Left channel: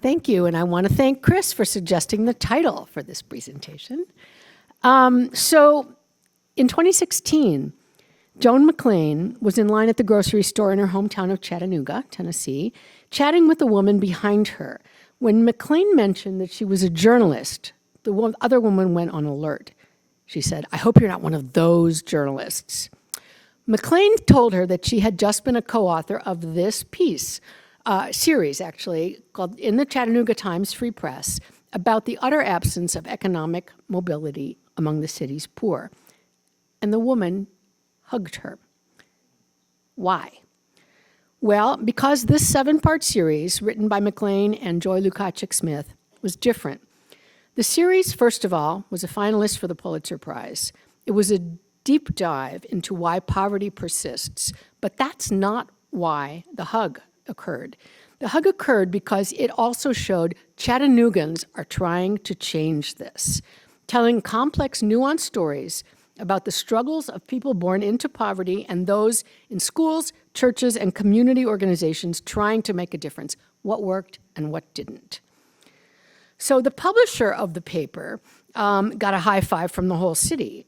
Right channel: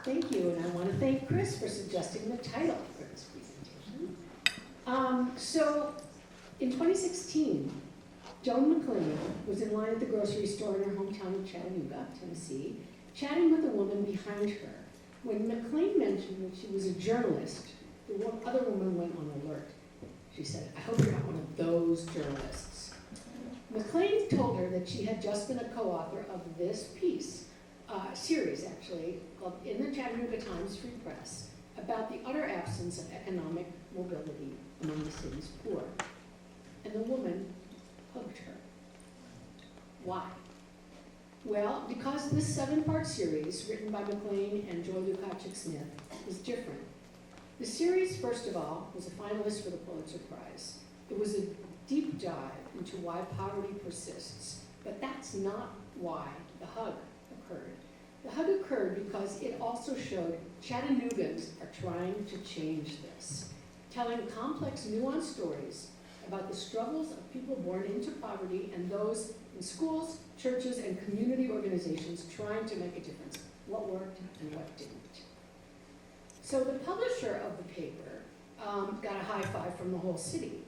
Thank you, and I want to thank Chris for suggesting the title for this presentation. So, in 2016, Joan McLean was in line at the grocery store in her hometown of Chattanooga, Tennessee, chatting with a woman behind her. When McLean mentioned that she was a journalist, the other woman went on alert. She said, "I hope you're not one of those journalists." McLean told her that she had just been a co-author of this piece, series actually, called In the Chattanooga Times Free Press, about the utter absence of economic mobility among the city's poor. And the woman hugged her. Why? Well, because this 7-part series, written by McLean and Joy Lukaczyk-Smith, was different. The series, first of all, was a finalist for the Pulitzer Prize. It was a deep dive into why poverty persists, but that's not why the hug occurred. The hug occurred because it also showed Chattanoogans are trying to change this, telling complex, nuanced stories about the struggles of people born into poverty and those in schools, churches, and community organizations trying to make a difference, what worked and what didn't. So the publisher of the paper got a high five from the whole city.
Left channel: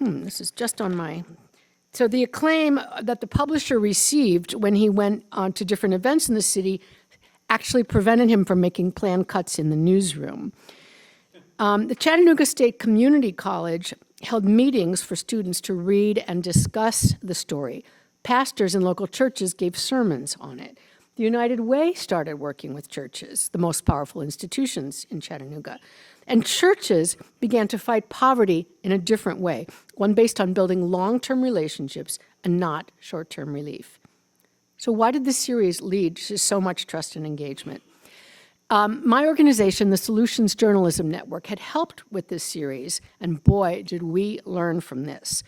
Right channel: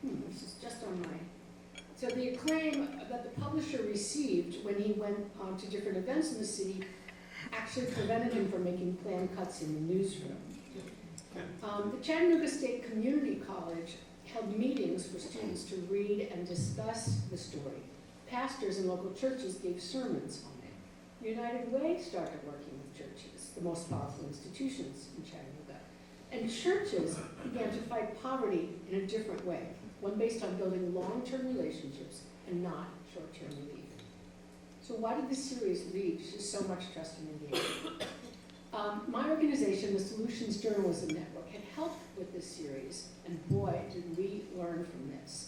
This is just on my... So the acclaim that the publisher received when he went on to different events in the city actually prevented him from making planned cuts in the newsroom. The Chattanooga State Community College held meetings for students to read and discuss the story. Pastors in local churches gave sermons on it. The United Way started working with churches, the most powerful institutions in Chattanooga. And churches began to fight poverty in a different way, one based on building long-term relationships and not short-term relief. So why did this series lead to so much trust and engagement? My organization, the Solutions Journalism Network, had helped with this series, and boy, did we learn from this.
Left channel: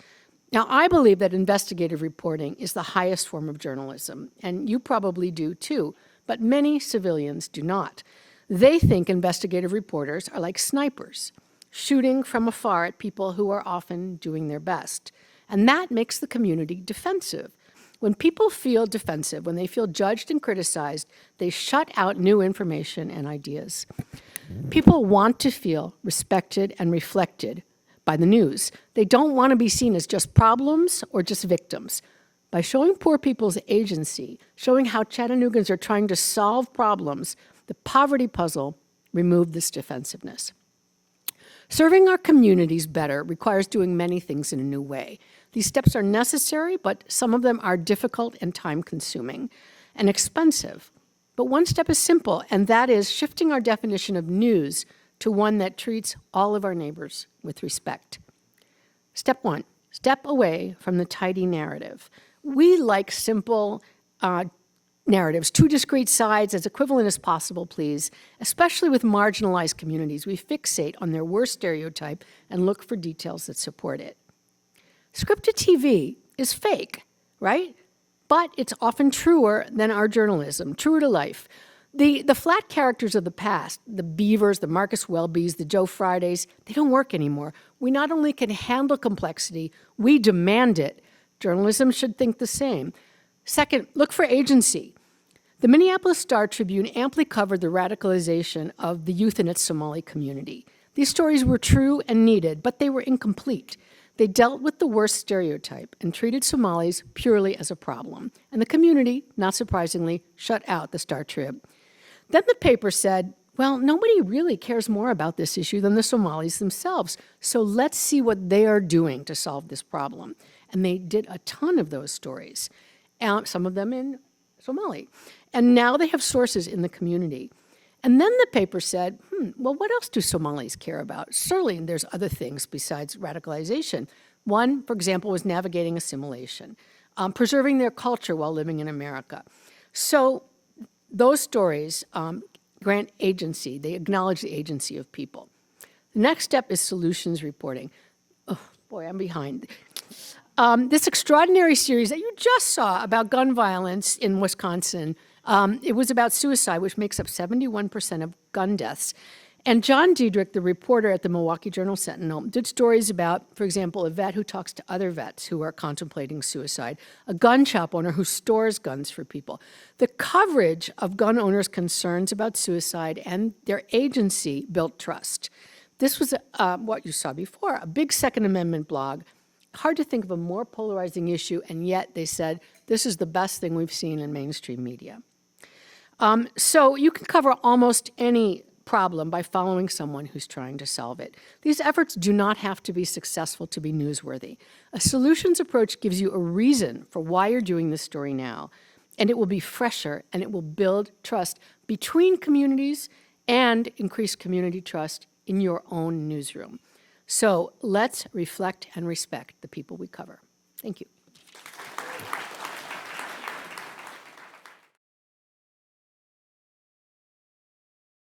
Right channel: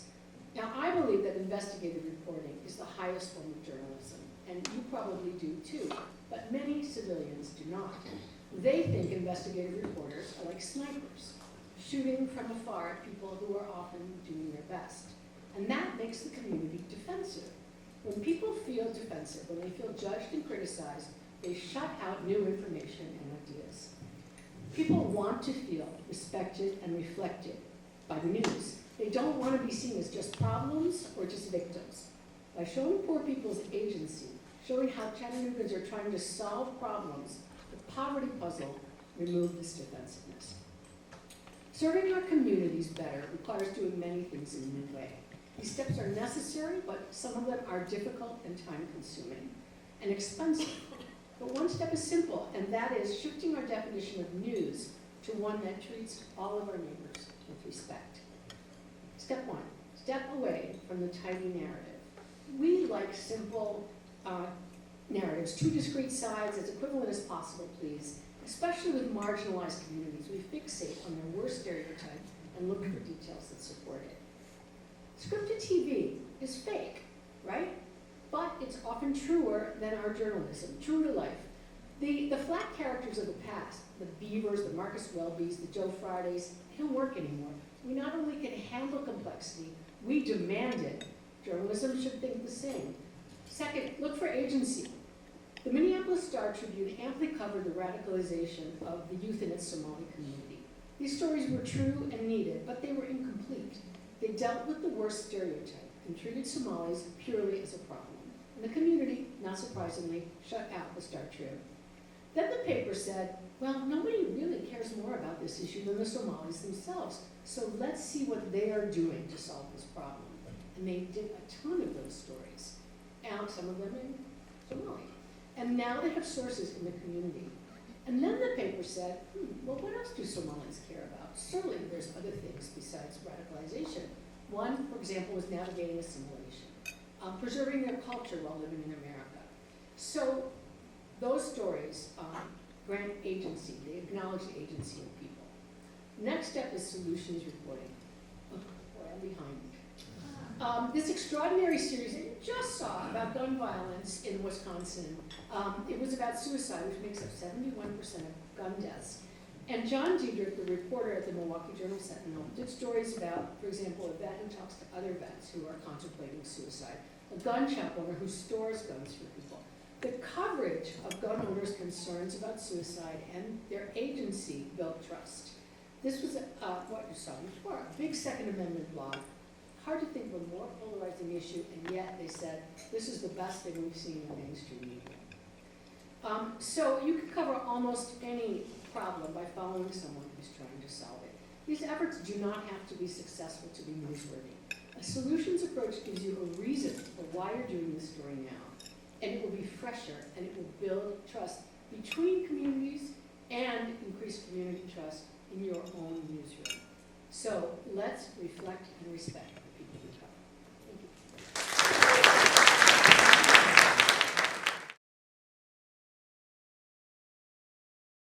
Now, I believe that investigative reporting is the highest form of journalism, and you probably do too, but many civilians do not. They think investigative reporters are like snipers, shooting from afar at people who are often doing their best. And that makes the community defensive. When people feel defensive, when they feel judged and criticized, they shut out new information and ideas. People want to feel respected and reflected by the news. They don't want to be seen as just problems or just victims. By showing poor people's agency, showing how Chattanoogans are trying to solve problems, the poverty puzzle removed this defensiveness. Serving our communities better requires doing many things in a new way. These steps are necessary, but some of them are difficult and time-consuming and expensive. But one step is simple, and that is shifting our definition of news to one that treats all of our neighbors with respect. Step one, step away from the tidy narrative. We like simple narratives, two discrete sides, as equivalent as possible, please, especially with marginalized communities. We fixate on their worst stereotype and look for details that support it. Scripted TV is fake, right? But it's often truer than our journalism, truer to life. The flat characters of the past, the Beavers, the Marcus Welbys, the Joe Fridays, they don't work anymore. We not only can handle complexity, we demand it. Journalism should think the same. Second, look for agency. The Minneapolis Star-Tribune amply covered the radicalization of the youth in its Somali community. These stories were true and needed, but they were incomplete. They dealt with the worst stereotype and treated Somalis purely as a problem. And the community, not surprisingly, shut out the Star-Trib. Then the paper said, well, nobody really cares more about this issue than the Somalis themselves, so let's see what they are doing to solve this problem. And they did a ton of those stories, some of them in Somali. And now they have sources in the community. And then the paper said, well, what else do Somalis care about? Certainly, there's other things besides radicalization. One, for example, was navigating assimilation, preserving their culture while living in America. So those stories grant agency. They acknowledge the agency of people. The next step is solutions reporting. Oh, boy, I'm behind. This extraordinary series that you just saw about gun violence in Wisconsin, it was about suicide, which makes up 71% of gun deaths. And John Diedrich, the reporter at the Milwaukee Journal-Sentinel, did stories about, for example, a vet who talks to other vets who are contemplating suicide, a gun shop owner who stores guns for people. The coverage of gun owners' concerns about suicide and their agency built trust. This was what you saw before, a big Second Amendment blog. Hard to think of a more polarizing issue, and yet they said, this is the best thing we've seen in mainstream media. So you can cover almost any problem by following someone who's trying to solve it. These efforts do not have to be successful to be newsworthy. A solutions approach gives you a reason for why you're doing this story now, and it will be fresher, and it will build trust between communities and increase community trust in your own newsroom. So let's reflect and respect the people we cover. Thank you.